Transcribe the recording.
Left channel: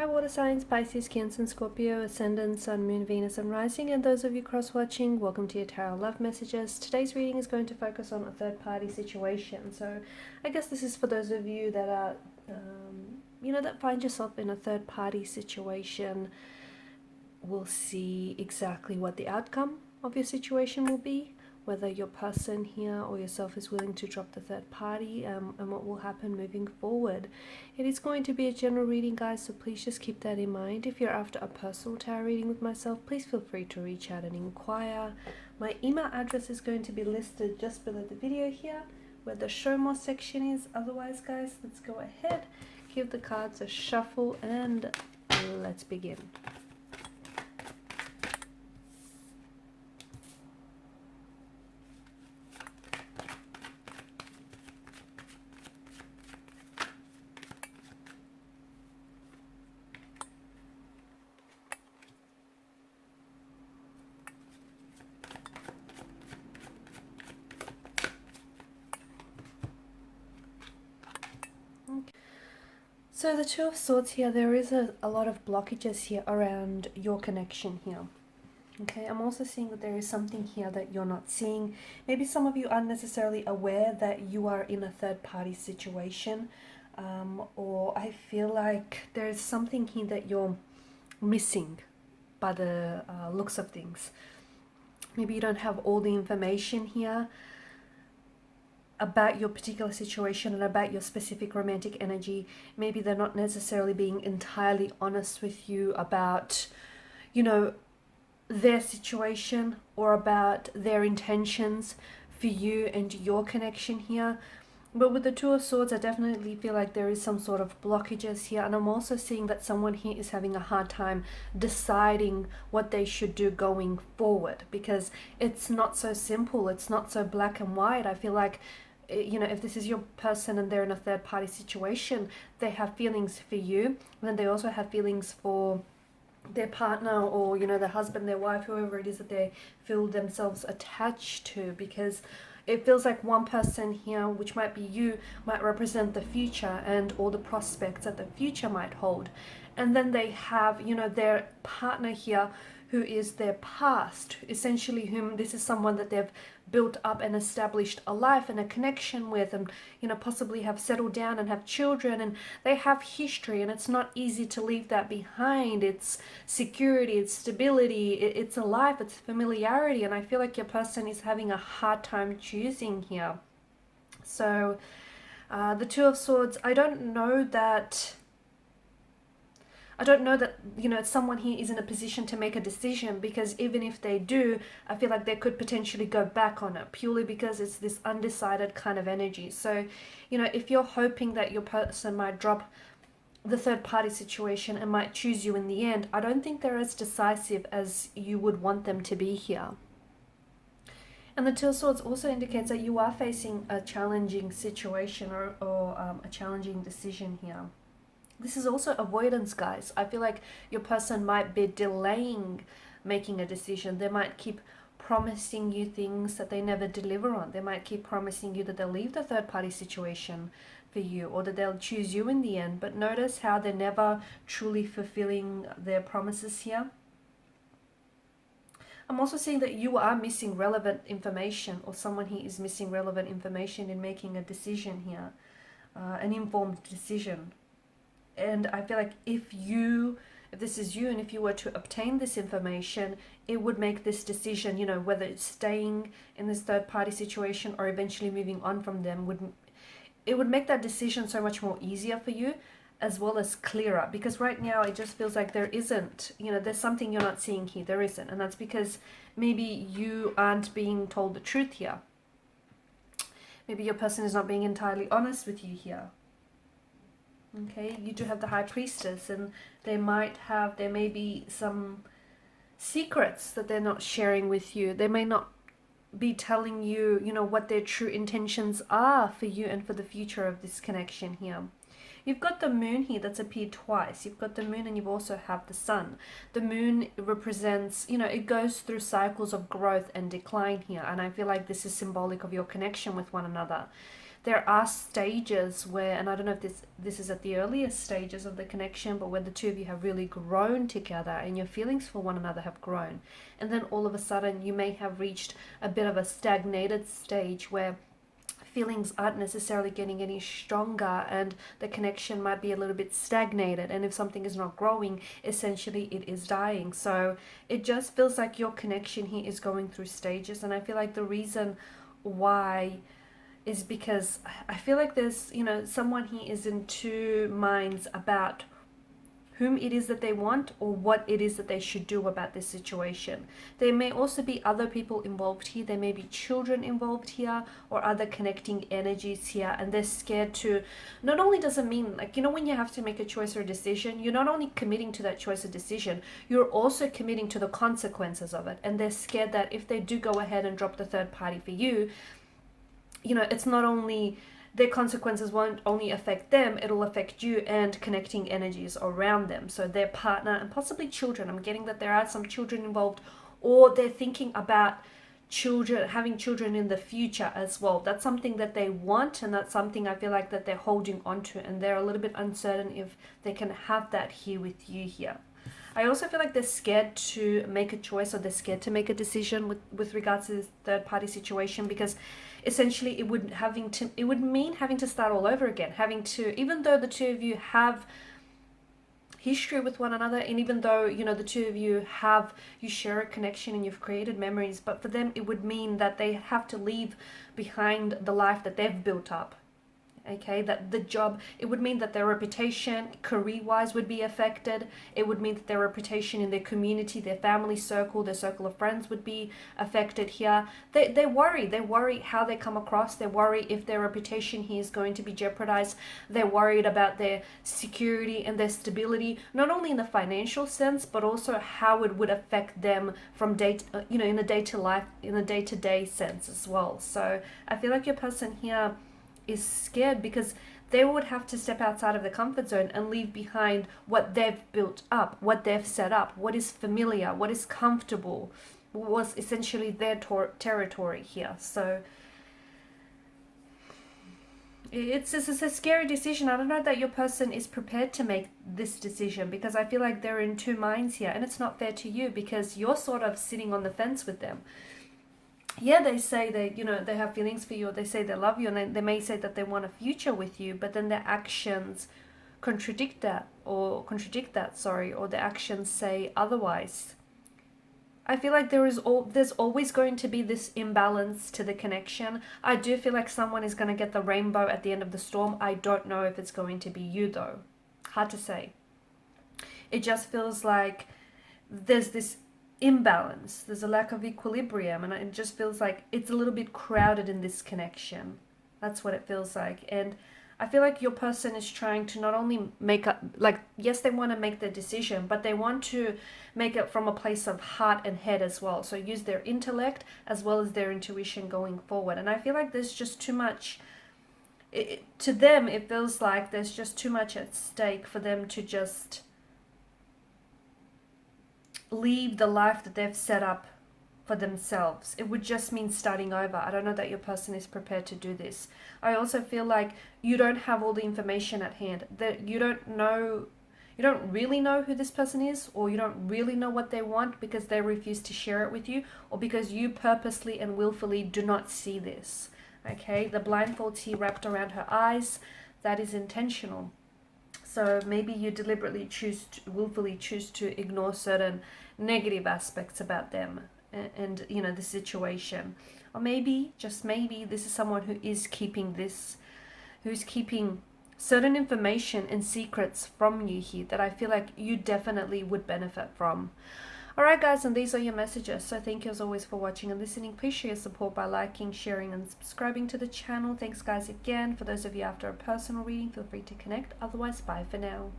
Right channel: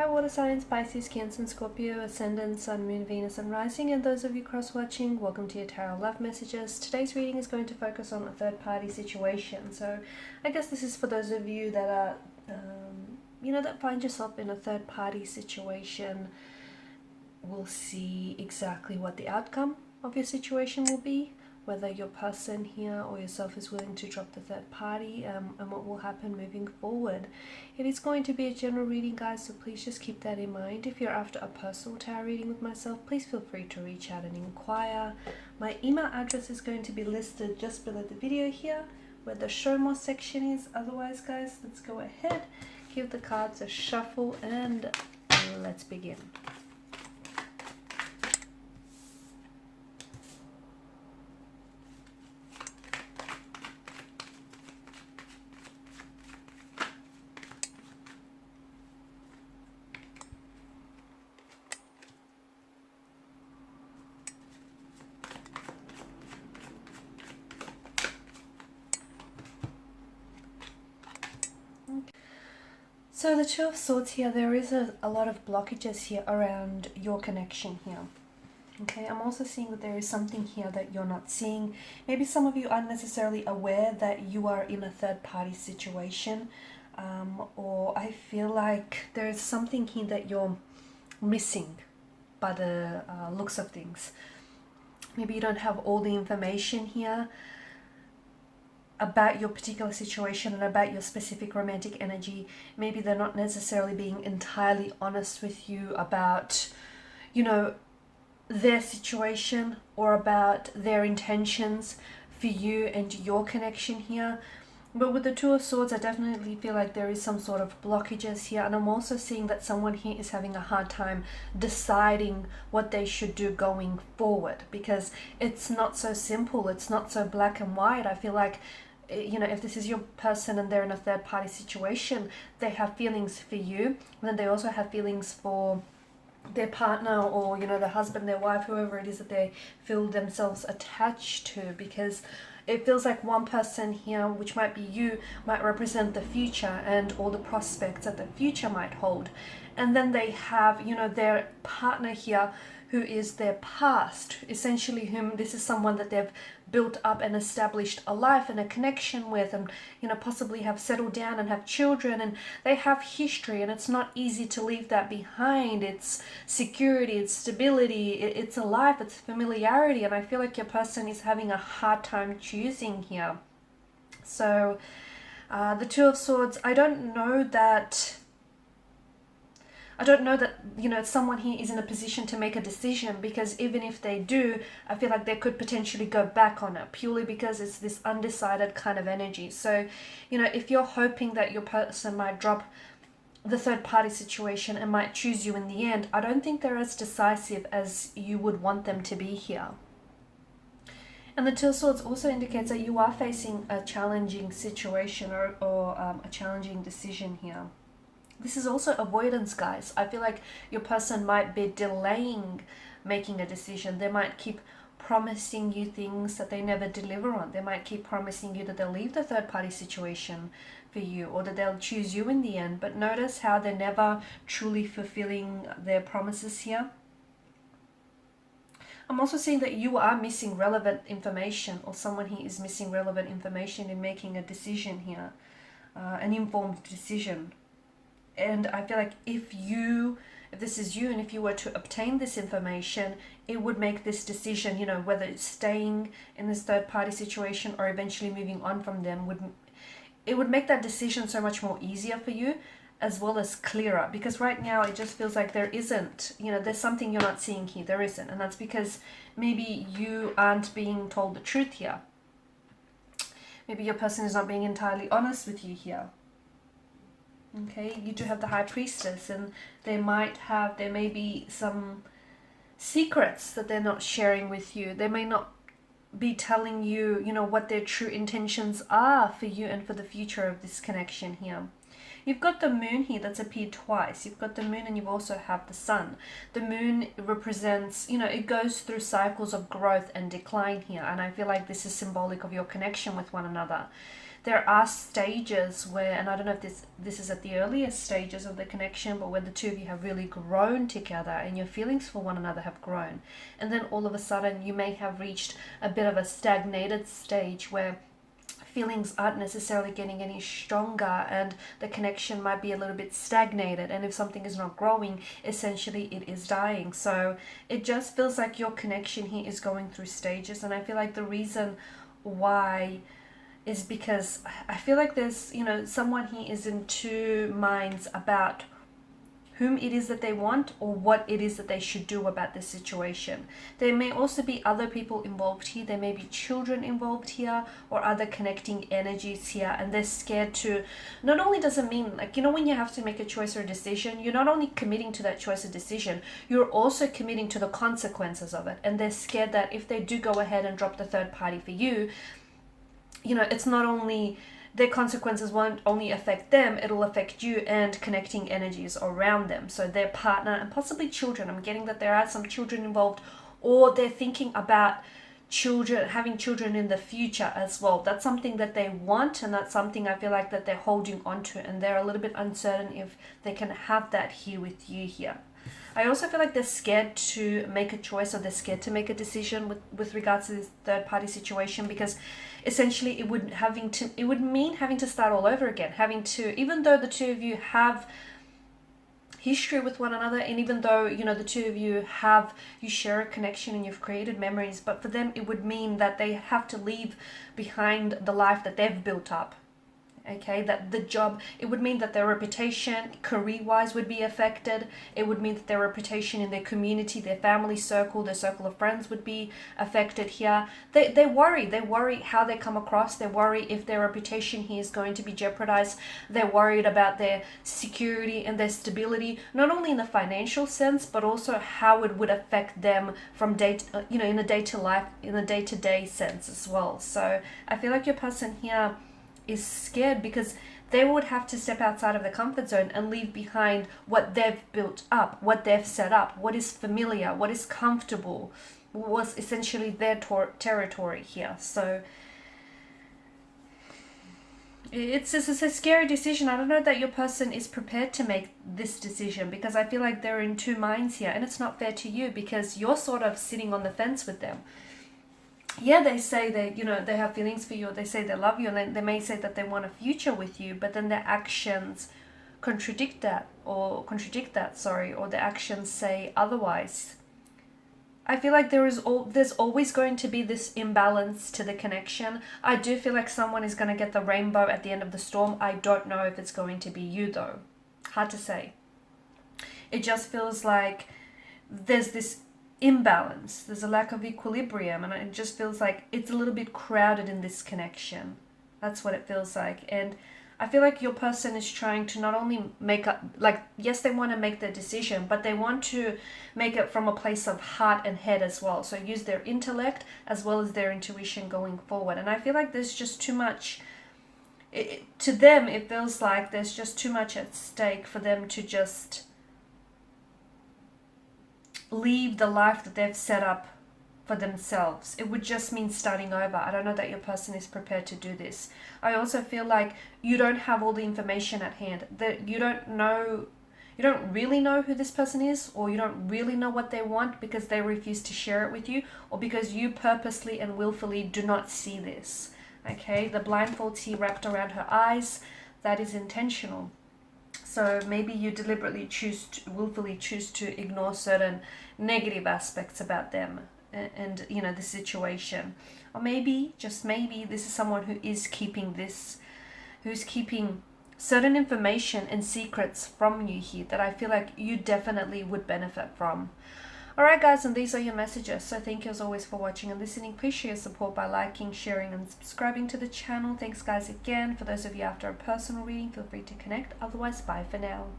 Hi water signs, Pisces, Cancer, Scorpio, Ascendant, Sun, Moon, Venus and Rising, and those of you cross-watching, welcome to your Tarot Love Messages. Today's reading is going to focus on a third-party situation. So I guess this is for those of you that are, that find yourself in a third-party situation. We'll see exactly what the outcome of your situation will be, whether your person here or yourself is willing to drop the third party, and what will happen moving forward. It is going to be a general reading, guys, so please just keep that in mind. If you're after a personal tarot reading with myself, please feel free to reach out and inquire. My email address is going to be listed just below the video here, where the show more section is. Otherwise, guys, let's go ahead, give the cards a shuffle, and let's begin. So the Two of Swords here, there is a lot of blockages here around your connection here. Okay, I'm also seeing that there is something here that you're not seeing. Maybe some of you aren't necessarily aware that you are in a third-party situation, or I feel like there is something here that you're missing by the looks of things. Maybe you don't have all the information here about your particular situation and about your specific romantic energy. Maybe they're not necessarily being entirely honest with you about, their situation or about their intentions for you and your connection here. But with the Two of Swords, I definitely feel like there is some sort of blockages here, and I'm also seeing that someone here is having a hard time deciding what they should do going forward, because it's not so simple, it's not so black and white. I feel like, if this is your person and they're in a third-party situation, they have feelings for you, and then they also have feelings for their partner, or their husband, their wife, whoever it is that they feel themselves attached to, because it feels like one person here, which might be you, might represent the future and all the prospects that the future might hold, and then they have their partner here who is their past, essentially, whom this is someone that they've built up and established a life and a connection with, and possibly have settled down and have children, and they have history, and it's not easy to leave that behind. It's security, it's stability, it's a life, it's familiarity, and I feel like your person is having a hard time choosing here. So the Two of Swords, I don't know that someone here is in a position to make a decision, because even if they do, I feel like they could potentially go back on it, purely because it's this undecided kind of energy. So, if you're hoping that your person might drop the third party situation and might choose you in the end, I don't think they're as decisive as you would want them to be here. And the Two of Swords also indicates that you are facing a challenging situation or a challenging decision here. This is also avoidance, guys. I feel like your person might be delaying making a decision. They might keep promising you things that they never deliver on. They might keep promising you that they'll leave the third-party situation for you, or that they'll choose you in the end. But notice how they're never truly fulfilling their promises here. I'm also seeing that you are missing relevant information, or someone here is missing relevant information in making a decision here, an informed decision. And I feel like if this is you, and if you were to obtain this information, it would make this decision, whether it's staying in this third-party situation or eventually moving on from them, it would make that decision so much more easier for you, as well as clearer. Because right now it just feels like there isn't, there's something you're not seeing here. There isn't, and that's because maybe you aren't being told the truth here. Maybe your person is not being entirely honest with you here. Okay, you do have the High Priestess, and there may be some secrets that they're not sharing with you. They may not be telling you, what their true intentions are for you and for the future of this connection here. You've got the Moon here that's appeared twice. You've got the Moon, and you also have the Sun. The Moon represents, it goes through cycles of growth and decline here, and I feel like this is symbolic of your connection with one another. there are stages where, and I don't know if this is at the earliest stages of the connection, but where the two of you have really grown together and your feelings for one another have grown. And then all of a sudden you may have reached a bit of a stagnated stage where feelings aren't necessarily getting any stronger and the connection might be a little bit stagnated, and if something is not growing, essentially it is dying. So it just feels like your connection here is going through stages, and I feel like the reason why is because I feel like there's, someone here is in two minds about whom it is that they want or what it is that they should do about this situation. There may also be other people involved here. There may be children involved here or other connecting energies here, and they're scared to, not only does it mean, like, when you have to make a choice or a decision, you're not only committing to that choice or decision, you're also committing to the consequences of it. And they're scared that if they do go ahead and drop the third party for you, it's not only their consequences won't only affect them, it'll affect you and connecting energies around them. So their partner and possibly children. I'm getting that there are some children involved, or they're thinking about having children in the future as well. That's something that they want, and that's something I feel like that they're holding on to, and they're a little bit uncertain if they can have that here with you here. I also feel like they're scared to make a choice, or they're scared to make a decision with regards to this third party situation, because essentially it would mean having to start all over again, even though the two of you have history with one another, and even though the two of you share a connection and you've created memories, but for them it would mean that they have to leave behind the life that they've built up. Okay, that the job, it would mean that their reputation career-wise would be affected. It would mean that their reputation in their community, their family circle, their circle of friends would be affected here. They worry how they come across. They worry if their reputation here is going to be jeopardized. They're worried about their security and their stability, not only in the financial sense, but also how it would affect them from in a day-to-day sense as well. So I feel like your person here is scared because they would have to step outside of the comfort zone and leave behind what they've built up, what they've set up, what is familiar, what is comfortable, was essentially their territory here. So it's a scary decision. I don't know that your person is prepared to make this decision, because I feel like they're in two minds here, and it's not fair to you because you're sort of sitting on the fence with them. Yeah, they say they have feelings for you, or they say they love you, and they may say that they want a future with you, but then their actions contradict that, or their actions say otherwise. I feel like there's always going to be this imbalance to the connection. I do feel like someone is going to get the rainbow at the end of the storm. I don't know if it's going to be you though. Hard to say. It just feels like there's this imbalance, there's a lack of equilibrium, and it just feels like it's a little bit crowded in this connection. That's what it feels like. And I feel like your person is trying to not only make up, like, yes, they want to make their decision, but they want to make it from a place of heart and head as well. So use their intellect as well as their intuition going forward. And I feel like there's just too much, to them it feels like there's just too much at stake for them to just leave the life that they've set up for themselves. It would just mean starting over. I don't know that your person is prepared to do this. I also feel like you don't have all the information at hand, that you don't really know who this person is, or you don't really know what they want because they refuse to share it with you, or because you purposely and willfully do not see this. Okay, the blindfolds here wrapped around her eyes, that is intentional. So maybe you deliberately willfully choose to ignore certain negative aspects about them and the situation. Or maybe, just maybe, this is someone who's keeping certain information and secrets from you here that I feel like you definitely would benefit from. Alright guys, and these are your messages. So thank you as always for watching and listening. Please show your support by liking, sharing and subscribing to the channel. Thanks guys again. For those of you after a personal reading, feel free to connect. Otherwise, bye for now.